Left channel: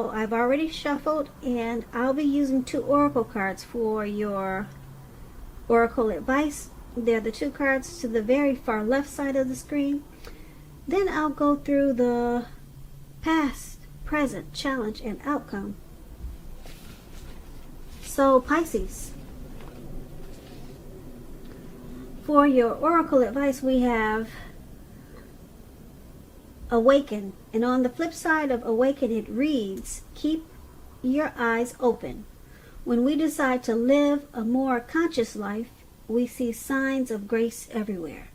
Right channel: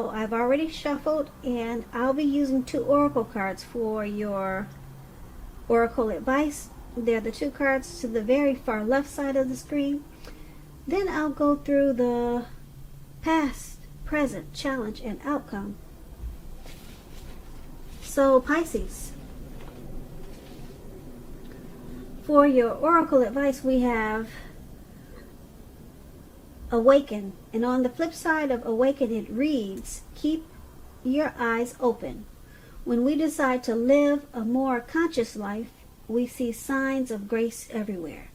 I've already shuffled, and I'll be using 2 oracle cards for your oracle advice. They're the 2 cards to the very far left side of the screen. Then I'll go through the past, present, challenge, and outcome. So Pisces, for your oracle advice, we have awaken, and on the flip side of awaken it reads, keep your eyes open. When we decide to live a more conscious life, we see signs of grace everywhere.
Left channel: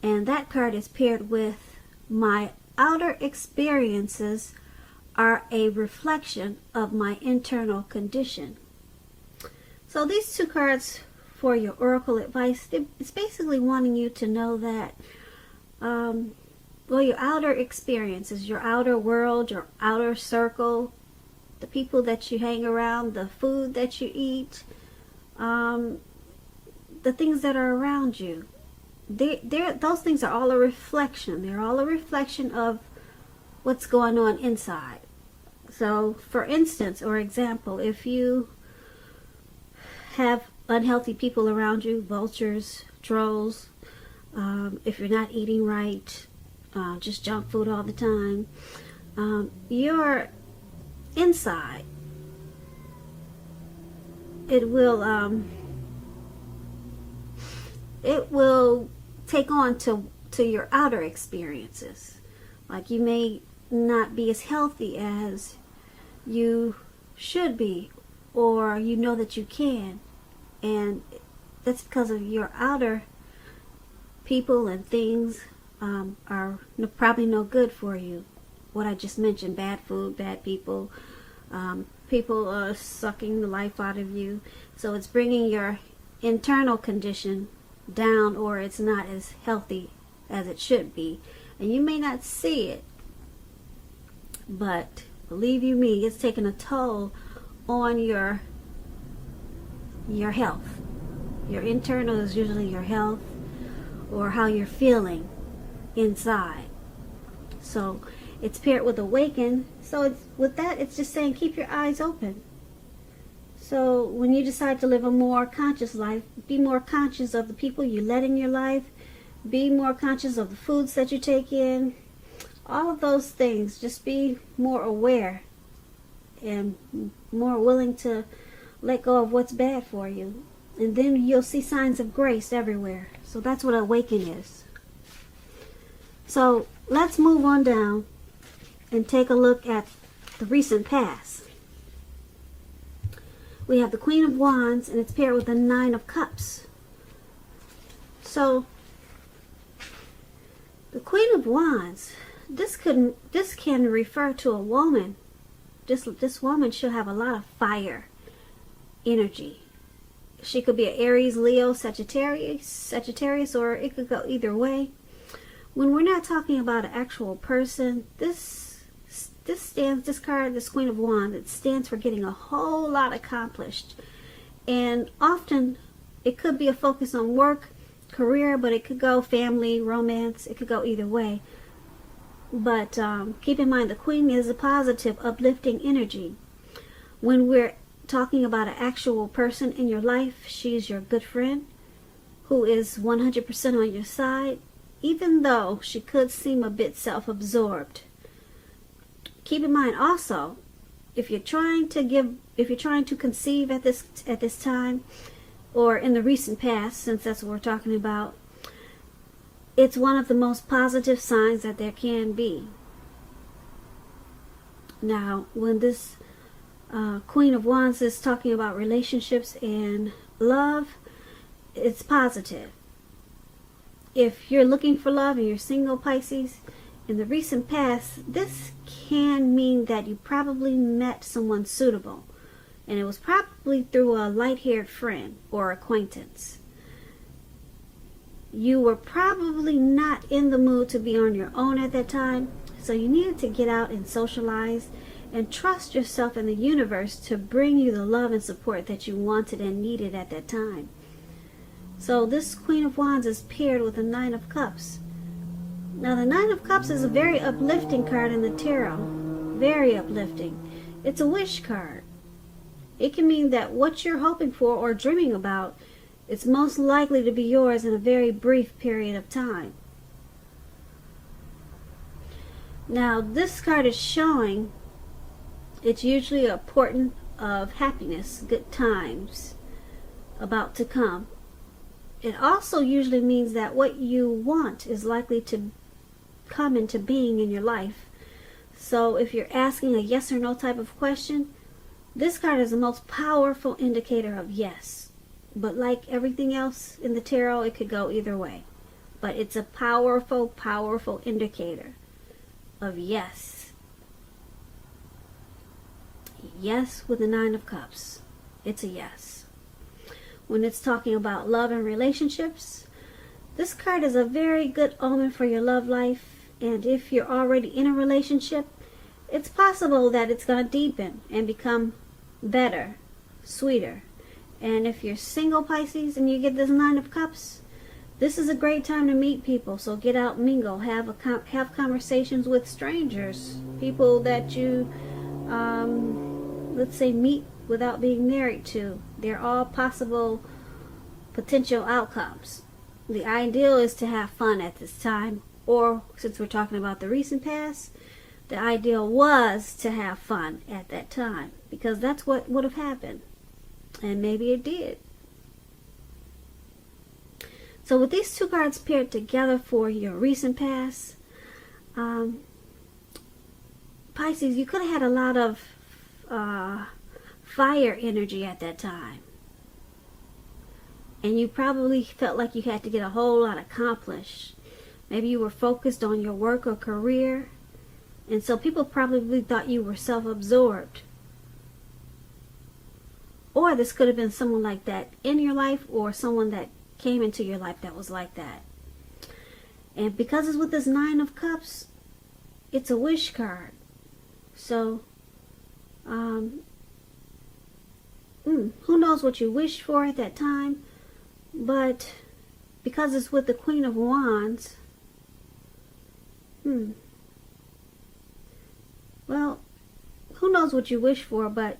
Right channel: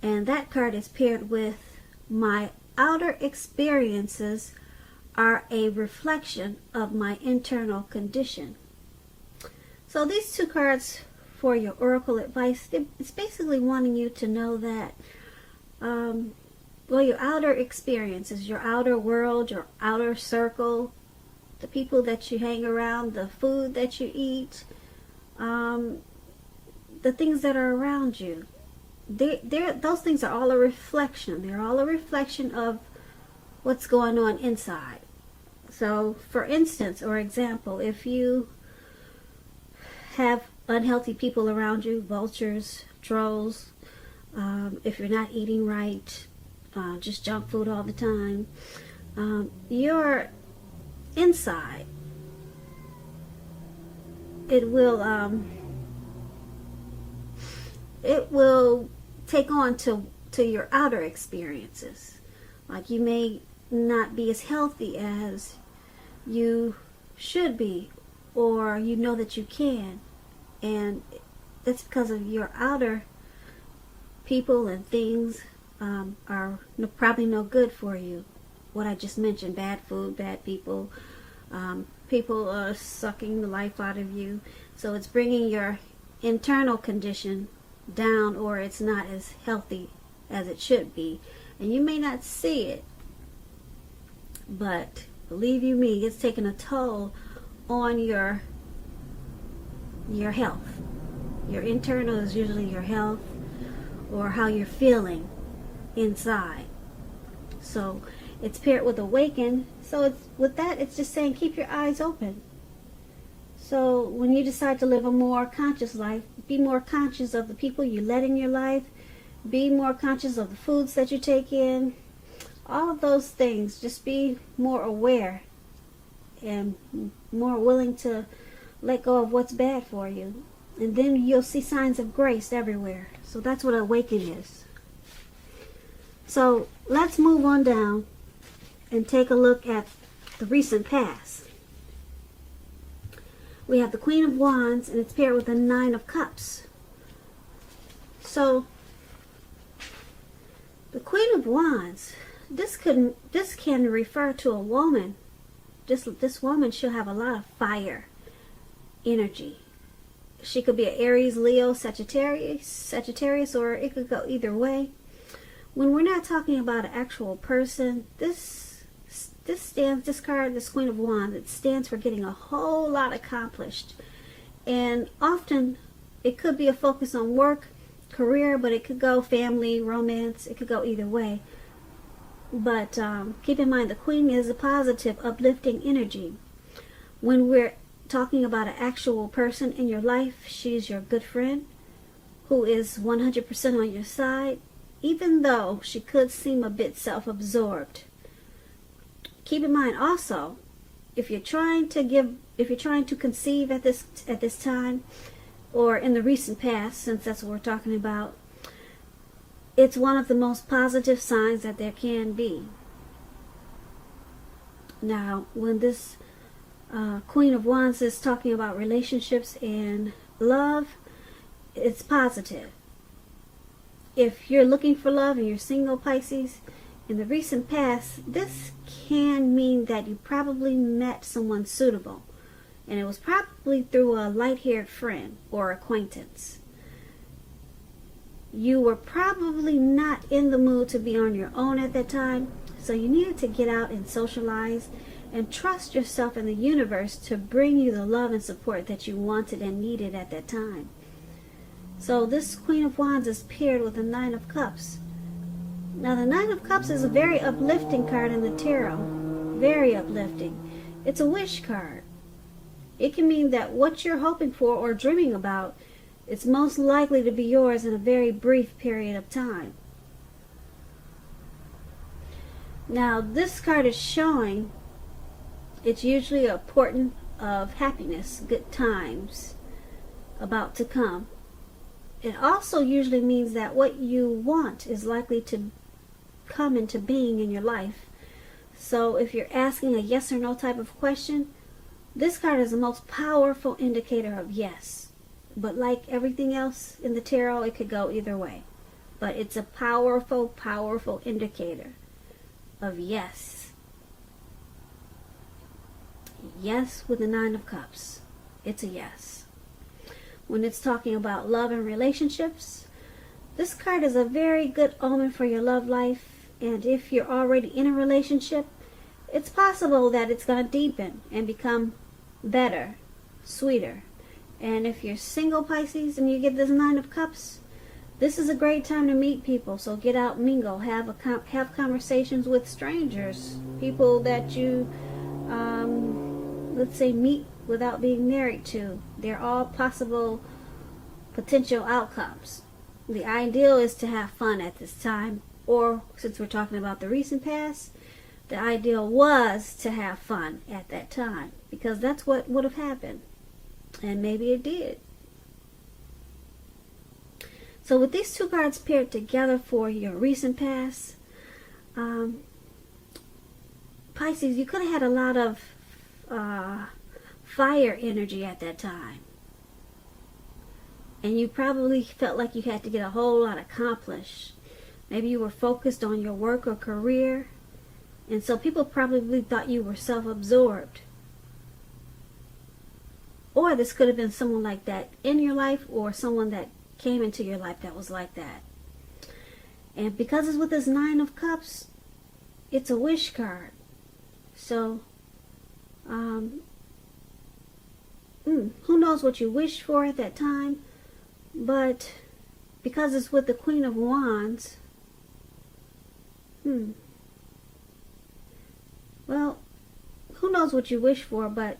And that card is paired with my outer experiences are a reflection of my internal condition. So these 2 cards for your oracle advice, it's basically wanting you to know that well, your outer experiences, your outer world, your outer circle, the people that you hang around, the food that you eat, the things that are around you, those things are all a reflection. They're all a reflection of what's going on inside. So, for instance, or example, if you have unhealthy people around you, vultures, trolls, if you're not eating right, just junk food all the time, your inside, it will take on to your outer experiences. Like, you may not be as healthy as you should be, or you know that you can, and that's because of your outer people and things are probably no good for you. What I just mentioned, bad food, bad people, people sucking the life out of you. So it's bringing your internal condition down, or it's not as healthy as it should be. And you may not see it, but believe you me, it's taking a toll on your health. Your internal is usually your health or how you're feeling inside. So it's paired with awaken. So it's just saying keep your eyes open. So when you decide to live a more conscious life, be more conscious of the people you let in your life. Be more conscious of the foods that you take in. All of those things. Just be more aware and more willing to let go of what's bad for you. And then you'll see signs of grace everywhere. So that's what awaken is. So let's move on down and take a look at the recent past. We have the Queen of Wands, and it's paired with the 9 of Cups. So the Queen of Wands, this can refer to a woman. This woman should have a lot of fire energy. She could be an Aries, Leo, Sagittarius, or it could go either way. When we're not talking about an actual person, this card, this Queen of Wands, it stands for getting a whole lot accomplished. And often it could be a focus on work, career, but it could go family, romance. It could go either way. But keep in mind, the Queen is a positive, uplifting energy. When we're talking about an actual person in your life, she's your good friend who is 100% on your side, even though she could seem a bit self-absorbed. Keep in mind also, if you're trying to conceive at this time, or in the recent past, since that's what we're talking about, it's one of the most positive signs that there can be. Now, when this Queen of Wands is talking about relationships and love, it's positive. If you're looking for love and you're single, Pisces, in the recent past, this can mean that you probably met someone suitable. And it was probably through a light-haired friend or acquaintance. You were probably not in the mood to be on your own at that time, so you needed to get out and socialize and trust yourself and the universe to bring you the love and support that you wanted and needed at that time. So this Queen of Wands is paired with the 9 of Cups. Now the 9 of Cups is a very uplifting card in the tarot. Very uplifting. It's a wish card. It can mean that what you're hoping for or dreaming about is most likely to be yours in a very brief period of time. Now, this card is showing it's usually a portent of happiness, good times about to come. It also usually means that what you want is likely to come into being in your life. So if you're asking a yes or no type of question, this card is the most powerful indicator of yes. But like everything else in the tarot, it could go either way. But it's a powerful, powerful indicator of yes. Yes with the Nine of Cups. It's a yes. When it's talking about love and relationships, this card is a very good omen for your love life. And if you're already in a relationship, it's possible that it's going to deepen and become better, sweeter. And if you're single, Pisces, and you get this Nine of Cups, this is a great time to meet people. So get out and mingle, have conversations with strangers, people that you, let's say, meet without being married to. They're all possible potential outcomes. The ideal is to have fun at this time, or since we're talking about the recent past, the ideal was to have fun at that time, because that's what would have happened, and maybe it did. So with these two cards paired together for your recent past, Pisces, you could have had a lot of fire energy at that time. And you probably felt like you had to get a whole lot accomplished. Maybe you were focused on your work or career. And so people probably thought you were self-absorbed. Or this could have been someone like that in your life, or someone that came into your life that was like that. And because it's with this Nine of Cups, it's a wish card. So, who knows what you wished for at that time, but because it's with the Queen of Wands, well, who knows what you wish for, but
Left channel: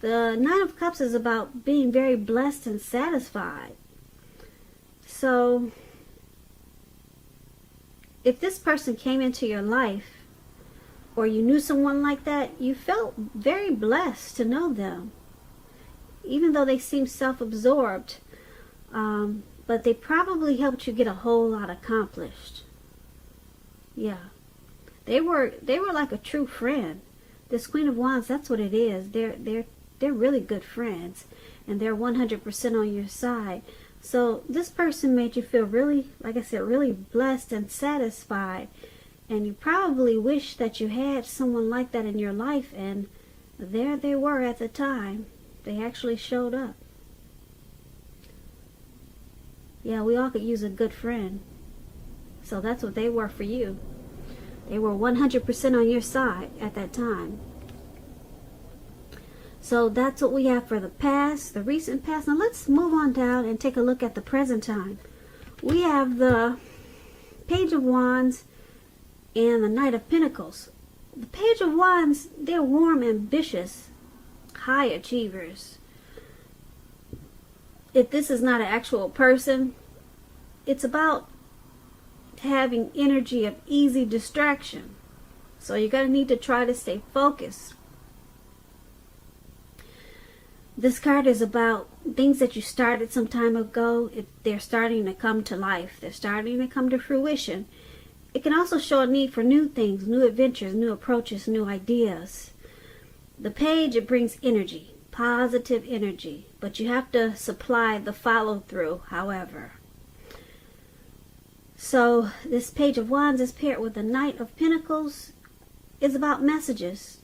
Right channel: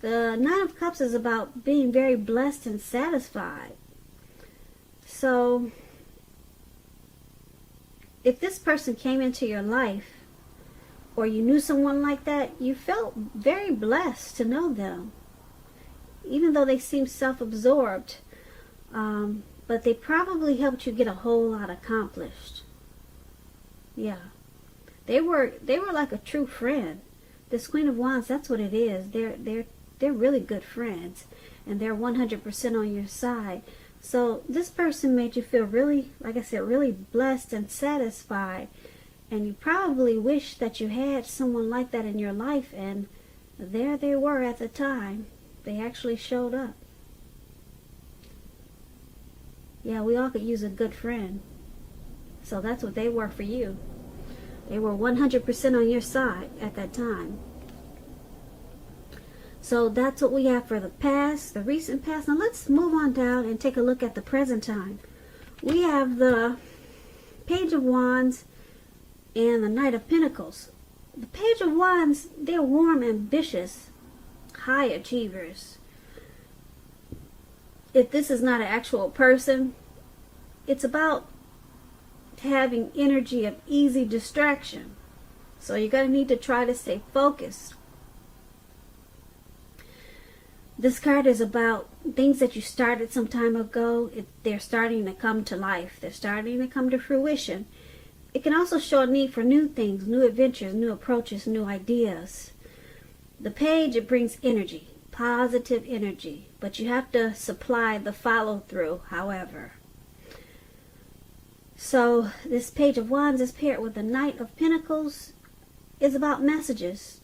the Nine of Cups is about being very blessed and satisfied. So, if this person came into your life, or you knew someone like that, you felt very blessed to know them. Even though they seemed self-absorbed, but they probably helped you get a whole lot accomplished. Yeah. They were like a true friend. This Queen of Wands, that's what it is. They're really good friends, and they're 100% on your side. So this person made you feel really, like I said, really blessed and satisfied. And you probably wish that you had someone like that in your life, and there they were at the time. They actually showed up. Yeah, we all could use a good friend. So that's what they were for you. They were 100% on your side at that time. So that's what we have for the past, the recent past. Now let's move on down and take a look at the present time. We have the Page of Wands and the Knight of Pentacles. The Page of Wands, they're warm, ambitious, high achievers. If this is not an actual person, it's about having energy of easy distraction. So you're going to need to try to stay focused. This card is about things that you started some time ago. They're starting to come to life. They're starting to come to fruition. It can also show a need for new things, new adventures, new approaches, new ideas. The page, it brings energy, positive energy, but you have to supply the follow-through, however. So this Page of Wands is paired with the Knight of Pentacles. It's about messages.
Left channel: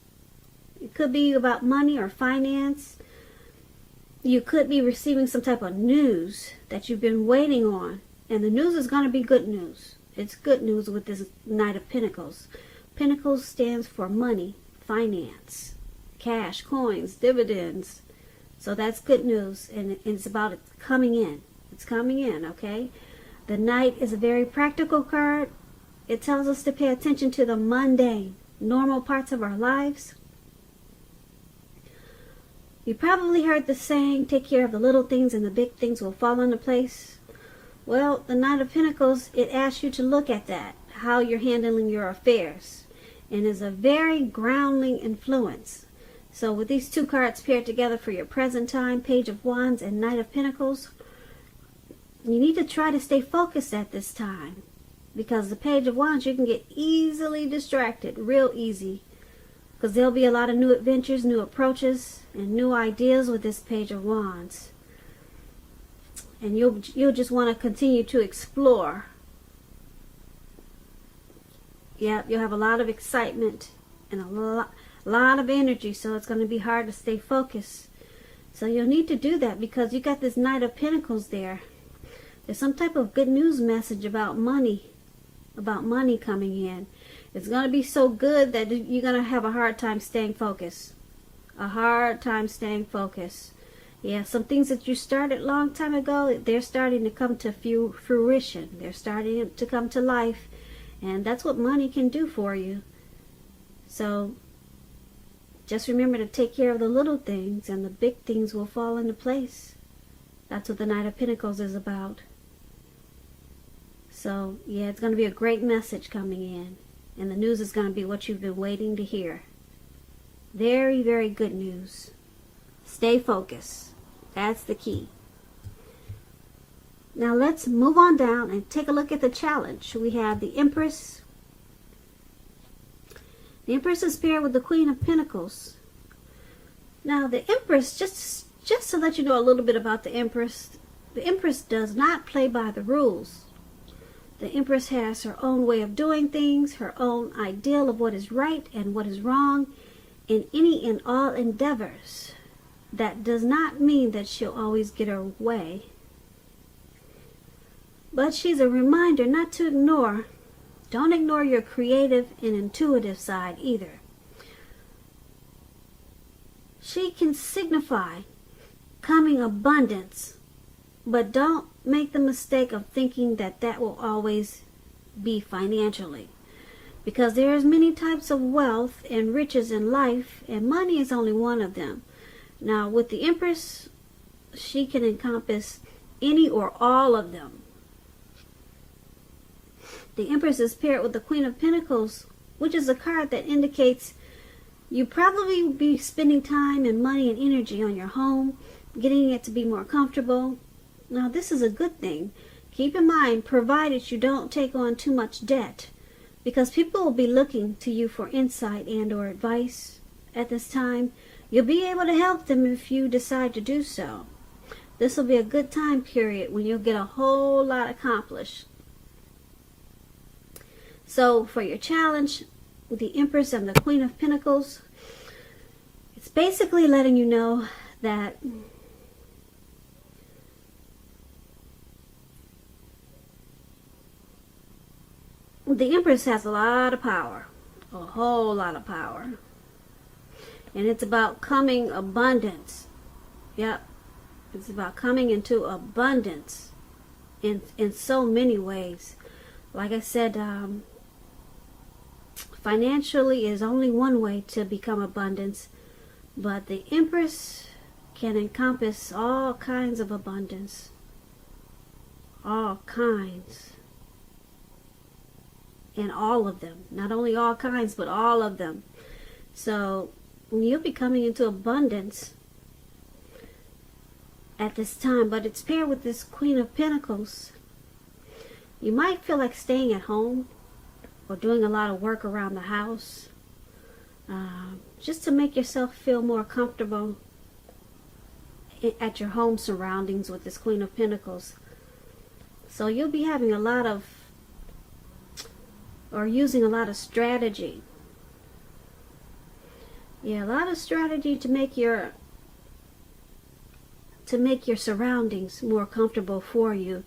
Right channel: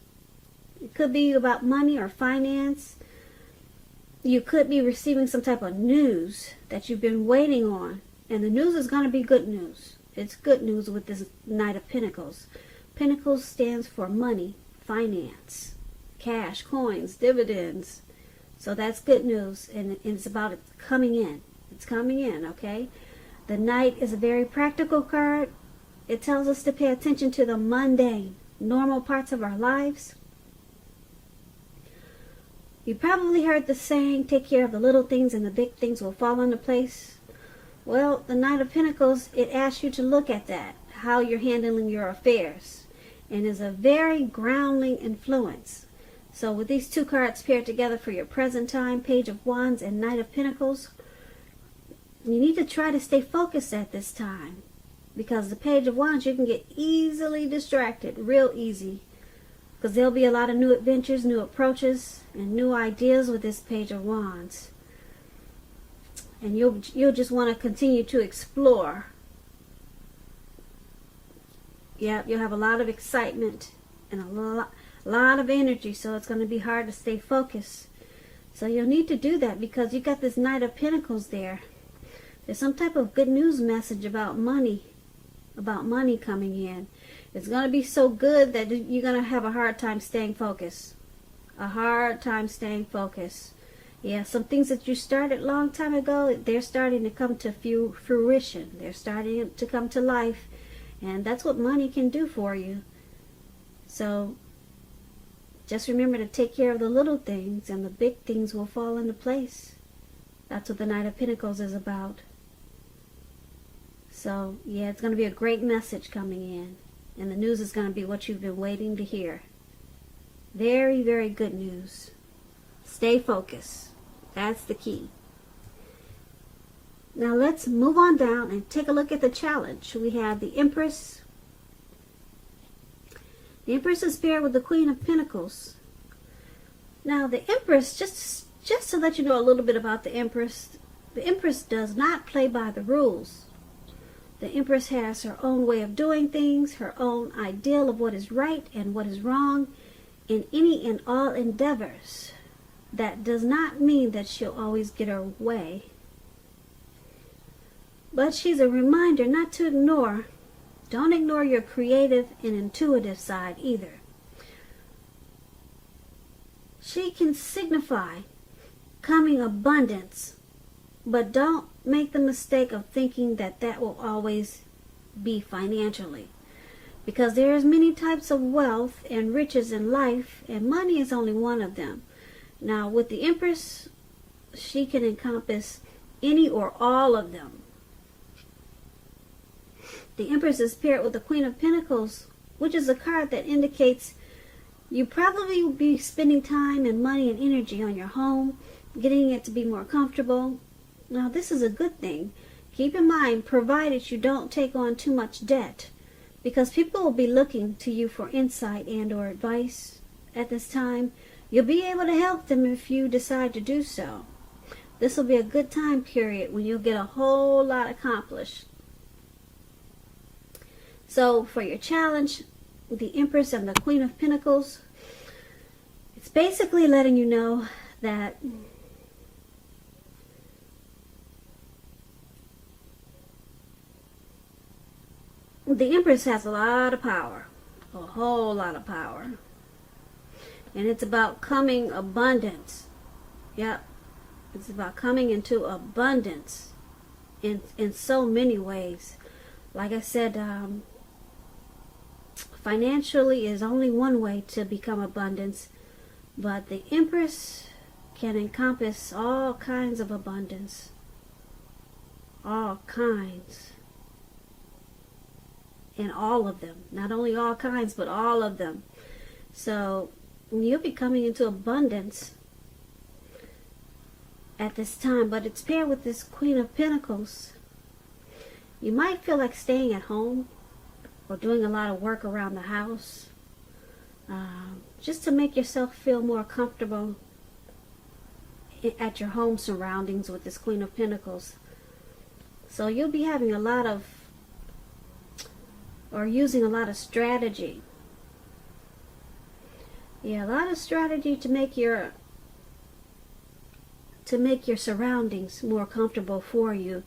It could be about money or finance. You could be receiving some type of news that you've been waiting on, and the news is going to be good news. It's good news with this Knight of Pentacles. Pentacles stands for money, finance, cash, coins, dividends. So that's good news, and it's about it coming in. It's coming in, okay? The Knight is a very practical card. It tells us to pay attention to the mundane, normal parts of our lives. You probably heard the saying, take care of the little things and the big things will fall into place. Well, the Knight of Pentacles, it asks you to look at that, how you're handling your affairs, and is a very grounding influence. So with these two cards paired together for your present time, Page of Wands and Knight of Pentacles, you need to try to stay focused at this time, because the Page of Wands, you can get easily distracted, real easy, because there'll be a lot of new adventures, new approaches, and new ideas with this Page of Wands. And you'll just want to continue to explore. Yeah, you'll have a lot of excitement and a lot of energy, so it's going to be hard to stay focused. So you'll need to do that because you got this Knight of Pentacles there. There's some type of good news message about money coming in. It's going to be so good that you're going to have a hard time staying focused. A hard time staying focused. Yeah, some things that you started a long time ago, they're starting to come to fruition. They're starting to come to life. And that's what money can do for you. So just remember to take care of the little things and the big things will fall into place. That's what the Knight of Pentacles is about. So, yeah, it's going to be a great message coming in. And the news is going to be what you've been waiting to hear. Very, very good news. Stay focused. That's the key. Now let's move on down and take a look at the challenge. We have the Empress. The Empress is paired with the Queen of Pentacles. Now the Empress, just to let you know a little bit about the Empress does not play by the rules. The Empress has her own way of doing things, her own ideal of what is right and what is wrong in any and all endeavors. That does not mean that she'll always get her way. But she's a reminder not to ignore. Don't ignore your creative and intuitive side either. She can signify coming abundance, but don't make the mistake of thinking that that will always be financially. Because there's many types of wealth and riches in life, and money is only one of them. Now, with the Empress, she can encompass any or all of them. The Empress is paired with the Queen of Pentacles, which is a card that indicates you probably will be spending time and money and energy on your home, getting it to be more comfortable. Now, this is a good thing. Keep in mind, provided you don't take on too much debt, because people will be looking to you for insight and or advice at this time. You'll be able to help them if you decide to do so. This will be a good time period when you'll get a whole lot accomplished. So for your challenge with the Empress and the Queen of Pentacles, it's basically letting you know that the Empress has a lot of power, a whole lot of power. And it's about coming abundance. Yep. It's about coming into abundance in so many ways. Like I said, financially is only one way to become abundance. But the Empress can encompass all kinds of abundance. All kinds. And all of them. Not only all kinds, but all of them. So you'll be coming into abundance at this time, but it's paired with this Queen of Pentacles. You might feel like staying at home or doing a lot of work around the house, just to make yourself feel more comfortable at your home surroundings with this Queen of Pentacles. So you'll be having a lot of, or using a lot of strategy. Yeah, a lot of strategy to make your surroundings more comfortable for you,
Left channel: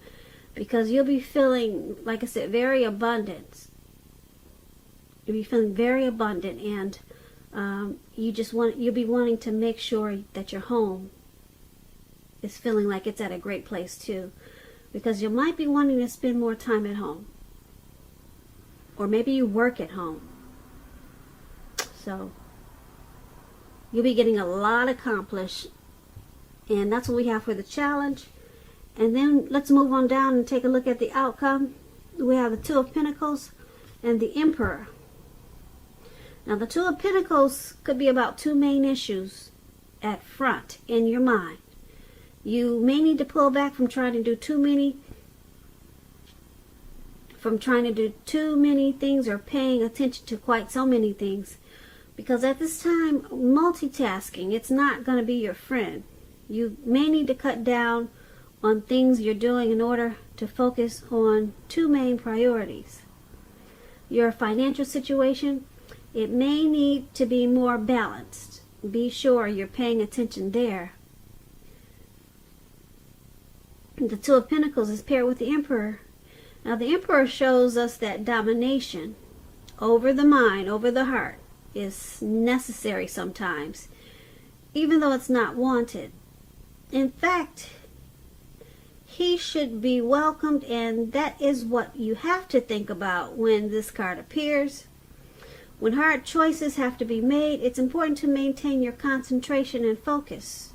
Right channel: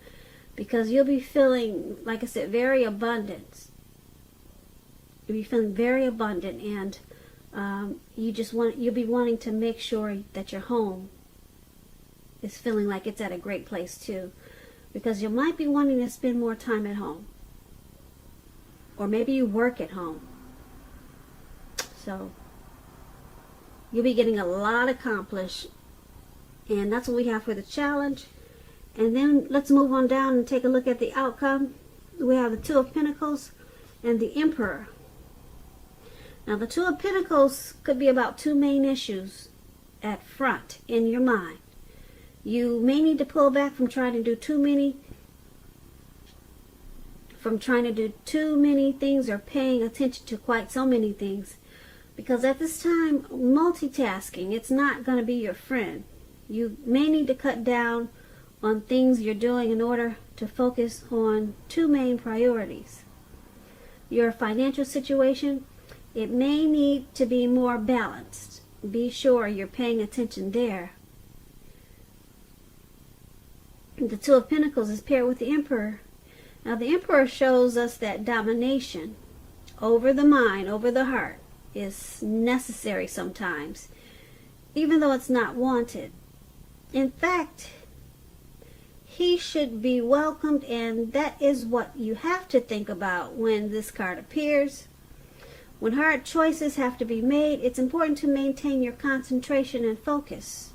because you'll be feeling, like I said, very abundant. You'll be feeling very abundant, and you'll be wanting to make sure that your home is feeling like it's at a great place too, because you might be wanting to spend more time at home, or maybe you work at home. So you'll be getting a lot accomplished. And that's what we have for the challenge. And then let's move on down and take a look at the outcome. We have the Two of Pentacles and the Emperor. Now the Two of Pentacles could be about two main issues at front in your mind. You may need to pull back from trying to do too many things or paying attention to quite so many things. Because at this time, multitasking, it's not going to be your friend. You may need to cut down on things you're doing in order to focus on two main priorities. Your financial situation, it may need to be more balanced. Be sure you're paying attention there. The Two of Pentacles is paired with the Emperor. Now the Emperor shows us that domination over the mind, over the heart, is necessary sometimes, even though it's not wanted. In fact, he should be welcomed, and that is what you have to think about when this card appears. When hard choices have to be made, it's important to maintain your concentration and focus,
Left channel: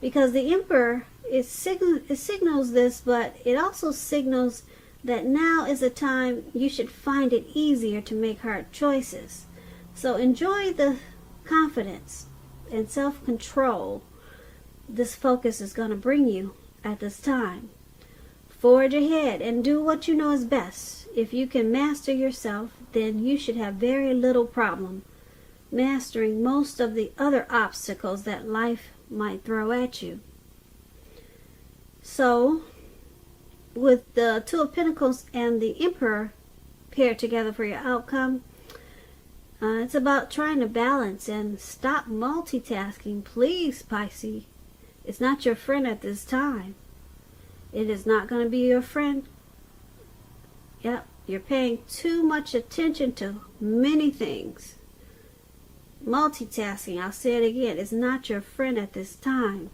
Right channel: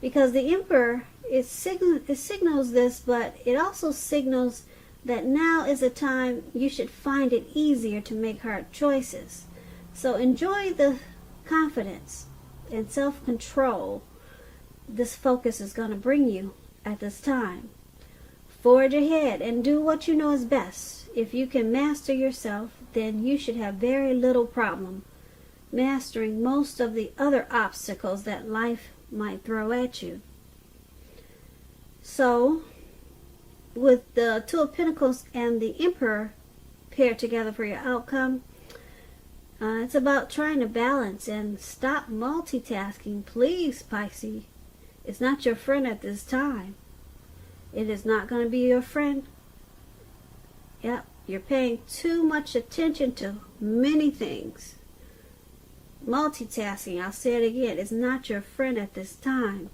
because the Emperor, it signals this, but it also signals that now is a time you should find it easier to make hard choices. So enjoy the confidence and self-control this focus is going to bring you at this time. Forge ahead and do what you know is best. If you can master yourself, then you should have very little problem mastering most of the other obstacles that life might throw at you. So, with the Two of Pentacles and the Emperor paired together for your outcome, it's about trying to balance and stop multitasking. Please, Pisces. It's not your friend at this time. It is not going to be your friend. Yeah, you're paying too much attention to many things. Multitasking, I'll say it again, is not your friend at this time.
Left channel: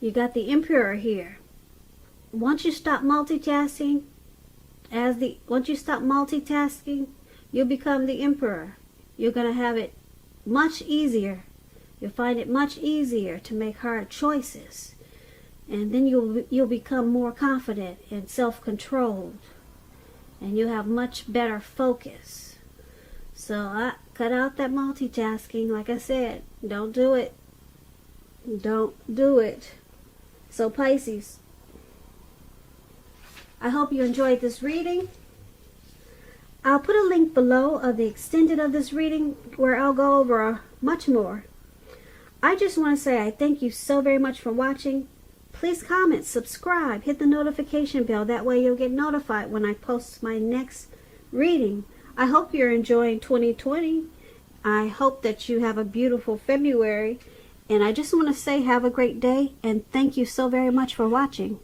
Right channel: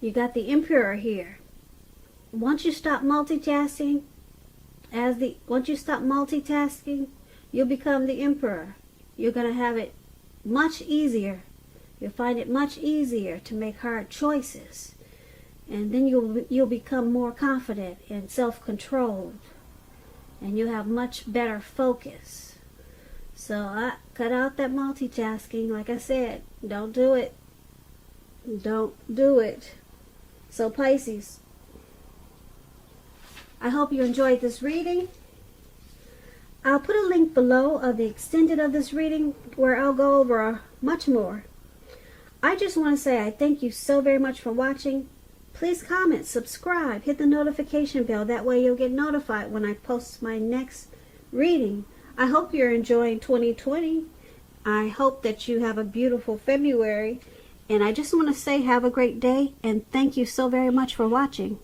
You got the Emperor here. Once you stop multitasking, you'll become the Emperor. You're going to have it much easier. You'll find it much easier to make hard choices. And then you'll become more confident and self-controlled. And you'll have much better focus. So cut out that multitasking. Like I said, don't do it. Don't do it. So Pisces, I hope you enjoyed this reading. I'll put a link below of the extended of this reading where I'll go over much more. I just want to say I thank you so very much for watching. Please comment, subscribe, hit the notification bell. That way you'll get notified when I post my next reading. I hope you're enjoying 2020. I hope that you have a beautiful February. And I just want to say have a great day and thank you so very much for watching.